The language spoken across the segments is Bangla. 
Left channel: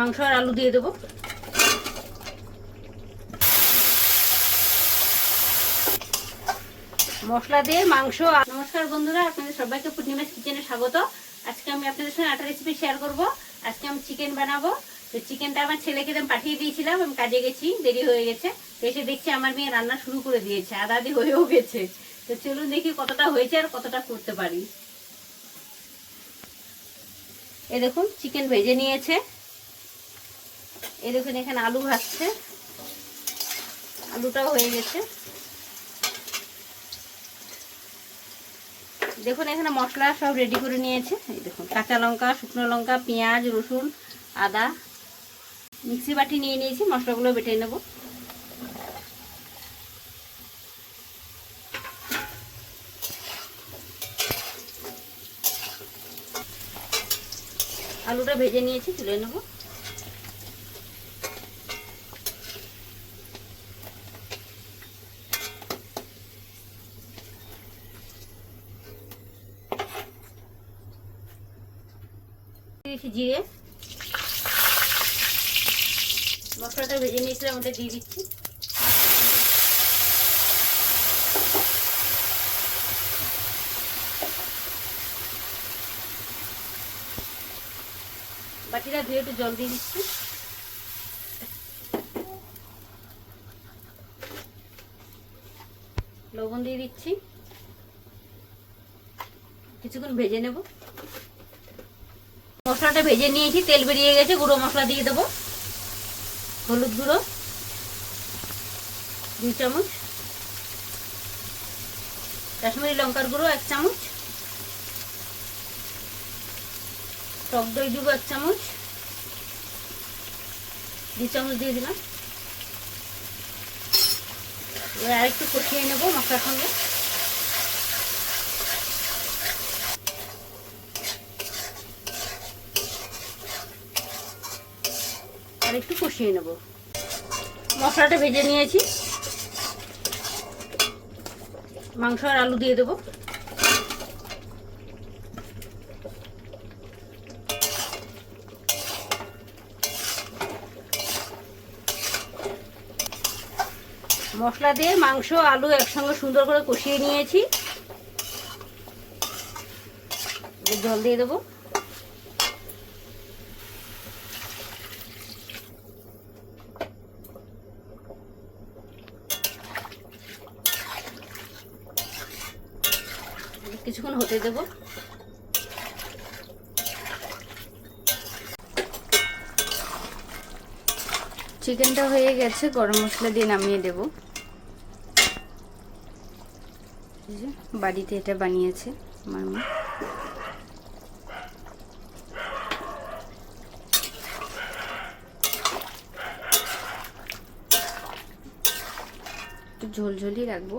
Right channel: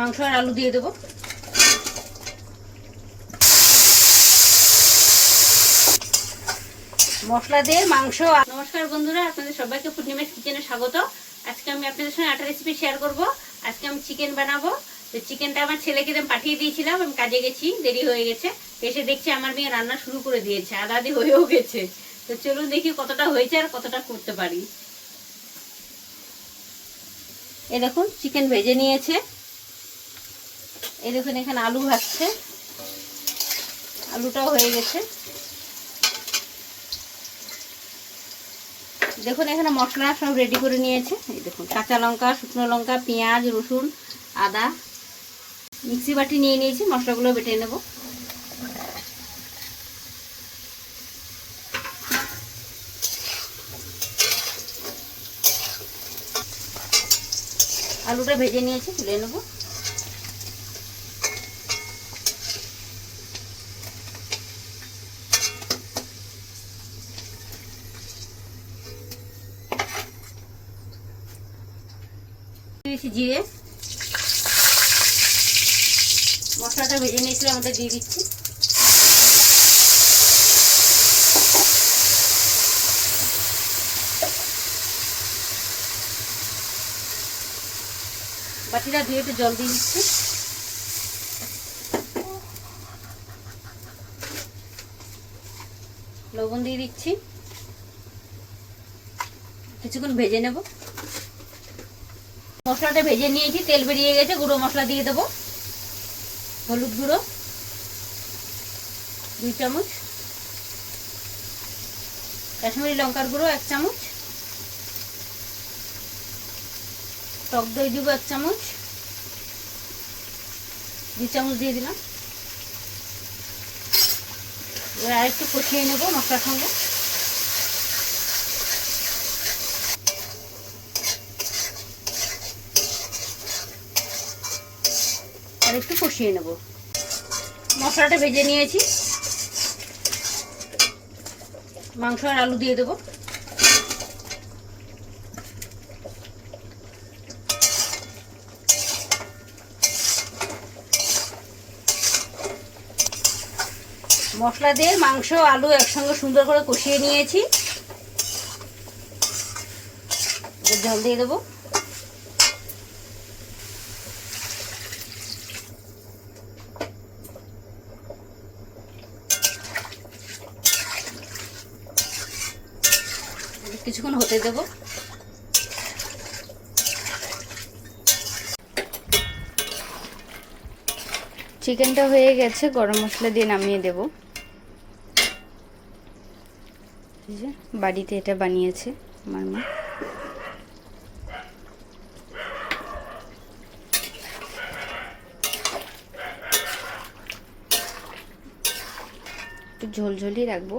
মাংস আর আলু দিয়ে দেবো। মশলা দিয়ে মাংস। নমস্কার বন্ধুরা, আপনাদের সবাইকে পূর্ণিমাস কিচেনে স্বাগত। আজকে আমি আপনাদের সঙ্গে একটা রেসিপি শেয়ার করব। আজকে আমি চিকেন বানাবো। তো চিকেনটা আমার ছেলেকে পাঠিয়ে দিয়েছিলাম, আমি কাজে গেছি, দেরি হয়ে গেছে। এসে দেখছি আমার মেয়ে রান্না শুরু করে দিয়েছে, আধা আধি হয়েও গেছে। তো চলুন দেখি কতটা হয়েছে আর কতটা করতে পারি। এই দেখুন চিকেন ভেজে নিয়েছে। এই দেখুন এখানে আলু ভাজছে, আলুটাও হয়ে গেছে। দেখুন এখানে মশলা সব রেডি করে নিয়েছে। এই দেখুন কাঁচা লঙ্কা, শুকনো লঙ্কা, পেঁয়াজ, রসুন, আদা মিক্সি বাটি নিয়ে নিয়েছি, মশলাগুলো বেটে নেব। আলুটা ভেজে নিয়েছি, তুলে নেব। জিরে, মশলাটা ভেজে নিয়েছিলাম, ওটা দিয়ে দিচ্ছি। বাটিটা ধুয়ে একটু জল দিয়ে দিচ্ছি। লবণ দিয়ে দিচ্ছি, কিছুক্ষণ ভেজে নেব। মশলাটা ভেজে নিয়েছি, তেল বেরিয়ে গেছে, গুঁড়ো মশলা দিয়ে দেবো। হলুদ গুঁড়ো 2 চামচ, কাশ্মীরি লঙ্কার গুঁড়ো 1 চামচ, টক দই দিব 1 চামচ, 2 চামচ দিয়ে দিলাম। এবার আরেকটু কষিয়ে নেবো মশলার সঙ্গে। আর একটু কষিয়ে নেব। মশলাটা ভেজে নিয়েছি, মাংস আর আলু দিয়ে দেবো। মশলা দিয়ে মাংস আলু একসঙ্গে সুন্দর করে কষিয়ে নিয়েছি। জল দিয়ে দেবো। কিছুক্ষণ হতে দেব। চিকেনটা হয়ে গেছে, গরম মশলা দিয়ে নামিয়ে দেব। বাড়িতে এটা বানিয়েছে আমার মা। একটু ঝোলঝোলই রাখবো।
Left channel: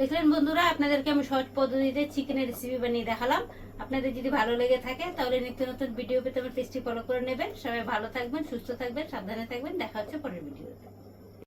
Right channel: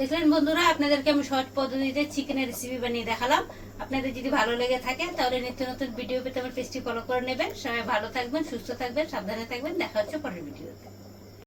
দেখলেন বন্ধুরা, আপনাদেরকে আমি সহজ পদ্ধতিতে চিকেনের রেসিপি বানিয়ে দেখালাম। আপনাদের যদি ভালো লেগে থাকে তাহলে নিত্য নতুন ভিডিও পেতে আমার পেজটি ফলো করে নেবেন। সবাই ভালো থাকবেন, সুস্থ থাকবেন, সাবধানে থাকবেন। দেখা হচ্ছে পরের ভিডিওতে।